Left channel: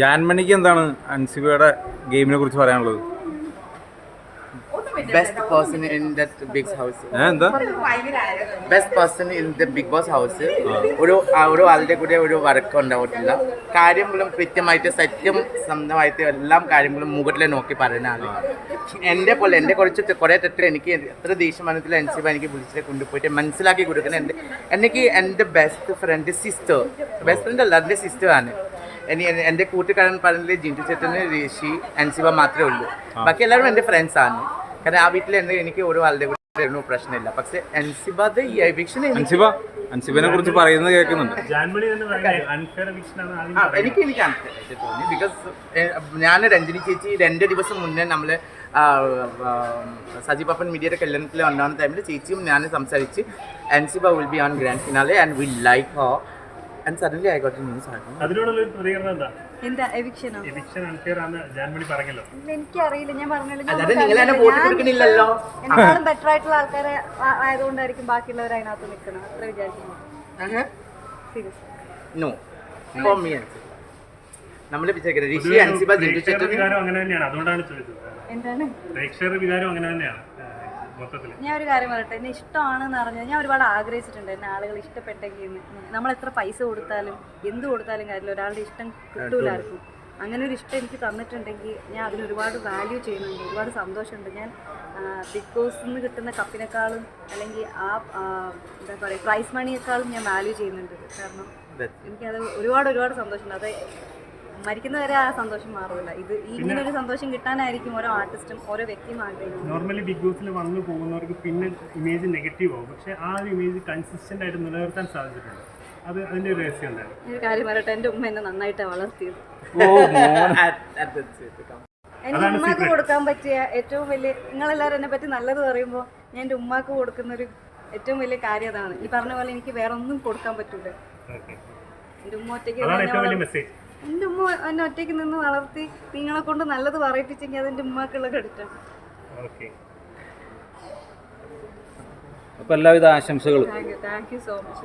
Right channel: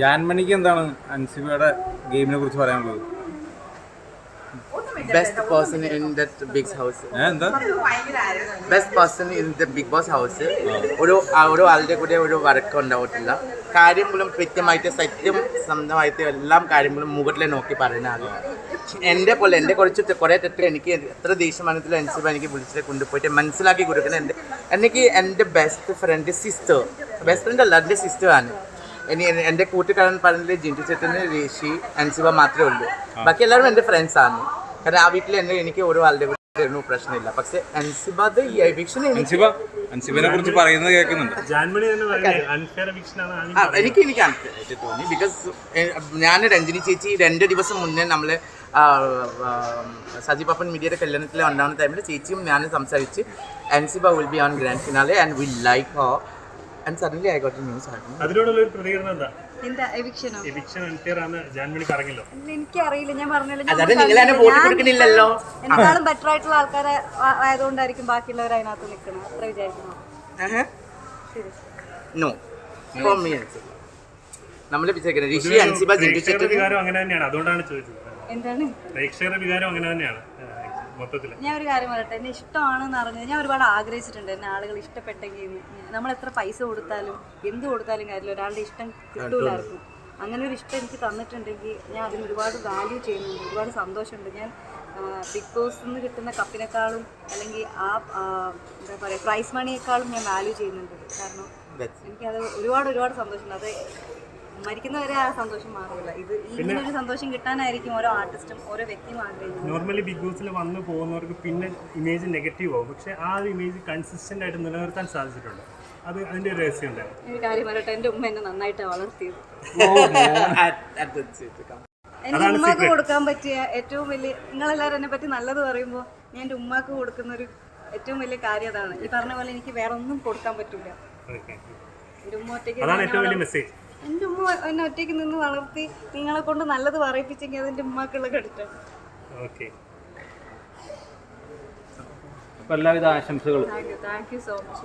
ജാൻമണിക്ക് എന്താണ് അൻസിബയുടെ ഗെയിമിനെ കുറിച്ച് പറയാനുള്ളത്? Best person in that big house. എന്താ best person in the big boss house. ഒരു ആളുടെ കൂടെ ഒരു വർക്ക് ഉണ്ടാവത്തില്ല. കാര്യങ്ങളും കൃത്യമായിട്ട് സത്യം സ്വന്തമായിട്ട് എല്ലാ കാര്യങ്ങളും മുകളിൽ നോക്കി പറയുന്ന ആള്. എൻ്റെ പോലെ എൻ്റെ കുറേ തെറ്റ് എനിക്ക് എത്ര ദേഷ്യമാനത്തിൽ അൻസിബ എനിക്ക് വിളിച്ചിട്ട് കൊണ്ടുപോയിട്ട് മനസ്സിലാക്കി കൊടുക്കുന്നത് എനിക്ക് എൻ്റെ best friend sister, best friend അല്ല എൻ്റെ സിസ്റ്ററാണ്. എൻ്റെ കൂട്ടുകാരൻ പറഞ്ഞില്ലേ ജിൻറ്റു ചേട്ടന്, ഋഷി, അൻസിബ മാത്രമേ ഉള്ളൂ. ബാക്കി എല്ലാവരും എൻ്റെ ഫ്രണ്ട്സാണ്. കാരണം ആ വീട്ടിൽ എനിക്ക് ഓരോ ആളുടെ കൂടെ ഒന്നും പ്രശ്നമില്ല. പക്ഷെ അൻസിബയുടെ ഈ എവിക്ഷൻ അൻസിബനെ കുറിച്ച് പറയുന്നത് കേൾക്കുന്നുണ്ട്. എനിക്ക് അൺഫെയറായിട്ട് തോന്നി. ബിക്കോസ് ഞാൻ രഞ്ജിനി ചേച്ചി 2 ദിവസം മുന്നേ നമ്മൾ സജി പപ്പൻ മീഡിയയുടെ കല്യാണത്തിൽ ഉണ്ടാകുന്ന ടൈമിൽ ചേച്ചിയും ഞാൻ സംസാരിച്ച് Ansiba will be on grand finale and will like her. And suddenly I got a news article. അതിനോടുള്ള ഒരു പ്രതികരണം എന്താ? എന്താ എവിക്ഷനോ? എവിക്ഷൻ അൺഫെയർ ആണ് ജാൻമണി പറഞ്ഞല്ലോ. എനിക്കറിയില്ല, ഞാൻ പറഞ്ഞല്ലോ. എന്നെക്കാളും ബെറ്റർ ആയിട്ടുള്ള ആൾക്കാരെ ആയതുകൊണ്ടായിരിക്കും ബാക്കിയുള്ളവർ അതിനകത്ത് നിൽക്കണം, അത്ര വിചാരിക്കുന്നു. No. For me, നമ്മളെ വിചാരിക്കുന്നത് ഋഷി, അൻസിബ, ജിൻറ്റു ചേട്ടൻ വികാരം അങ്ങനെ തന്നെയാണ്. അതുകൊണ്ടാണ് ചോദിച്ചത്. എന്താണ് പ്രേക്ഷകരുടെ വികാരം അങ്ങനെ തന്നെയാണ് മൊത്തത്തിൽ. ഞാൻ ഒരു കാര്യം പറയട്ടെ, എന്നെ ഇഷ്ടമാണെന്ന് അറിഞ്ഞത് ഞാൻ ഒരുപാട് ആഗ്രഹിച്ചിട്ടുണ്ട്. എന്നെ ആളുകൾ ഇഷ്ടപ്പെട്ടെങ്കിൽ നമ്മൾ എത്ര പൈസ കൊടുത്താലും എന്ത് കൊടുത്താലും കാര്യമില്ല, ഒരാളുടെ ഇഷ്ടം കിട്ടൂലായിരുന്നു. അങ്ങനെ ഒരു ഇഷ്ടം എനിക്ക് തന്നിട്ടുണ്ടെങ്കിൽ ഞാൻ അതിന് ഒരുപാട് വാല്യൂ ചെയ്യുന്നുണ്ട്, ഒരുപാട് സന്തോഷമുണ്ട്. ഞാൻ ബിഗ് ബോസിൽ നിന്ന് കിട്ടുന്ന കപ്പിനേക്കാളും അല്ലെങ്കിൽ എന്താ പറയുക പ്രൈസ് മണിയേക്കാളും ഞാൻ വാല്യൂ ചെയ്യുന്നുണ്ട്. കാരണം എനിക്കത് ഒരുപാട് സന്തോഷമുണ്ട്. അത് മരിക്കുന്നവരെ ആ സന്തോഷം മാറില്ല. ഇത് ഇങ്ങനെ ഒരു സന്തോഷം കിട്ടാനായിരിക്കും ഓരോ ആർട്ടിസ്റ്റും ഓരോ വ്യക്തിയും ആഗ്രഹിക്കുന്നത്. നോർമലി ബിഗ് ബോസിൽ വന്നു പോകുന്നവർക്ക് പിന്നെ ഇമേജ് നെഗറ്റീവ് ആവും. പക്ഷെ ആ ഒരു ഇമേജ് കൺസിസ്റ്റന്റ് ആയിട്ട് നിലനിർത്താൻ സാധിച്ചിട്ടുണ്ട്. അത് അതിന്റെ ഒരു രഹസ്യം ഉണ്ടായിരുന്നു. ഒരു കാര്യം പറയട്ടെ, എൻ്റെ ഉമ്മ എന്നെ നന്നായിട്ട് വളർത്തിയത്. എനിക്ക് ഉമ്മാക്ക് കൊടുക്കാൻ പറ്റിയ ഏറ്റവും വലിയ, നിങ്ങളെല്ലാവരും എന്നെ പറ്റി നല്ലത് പറയുമ്പോൾ ഞാൻ എൻ്റെ ഉമ്മാക്ക് കൊടുക്കുന്നൊരു ഏറ്റവും വലിയ കാര്യം അതാണ്. ഈ പറഞ്ഞ പോലെ എനിക്ക് വേറെ ഒന്നും കൊടുക്കാൻ പറ്റില്ല. എൻ്റെ ഉമ്മ ഒറ്റയ്ക്ക് എൻ്റെ ഉമ്മ എന്നെ ഒറ്റയ്ക്ക് നിന്ന് വളർത്തി നിങ്ങളെ കൊണ്ട് നല്ലത് പറയിപ്പിച്ചെങ്കിൽ അതെൻ്റെ ഉമ്മാക്കുള്ള ക്രെഡിറ്റാണ്. അപ്പോൾ എല്ലാവിധ ആശംസകളും. Thank you so much.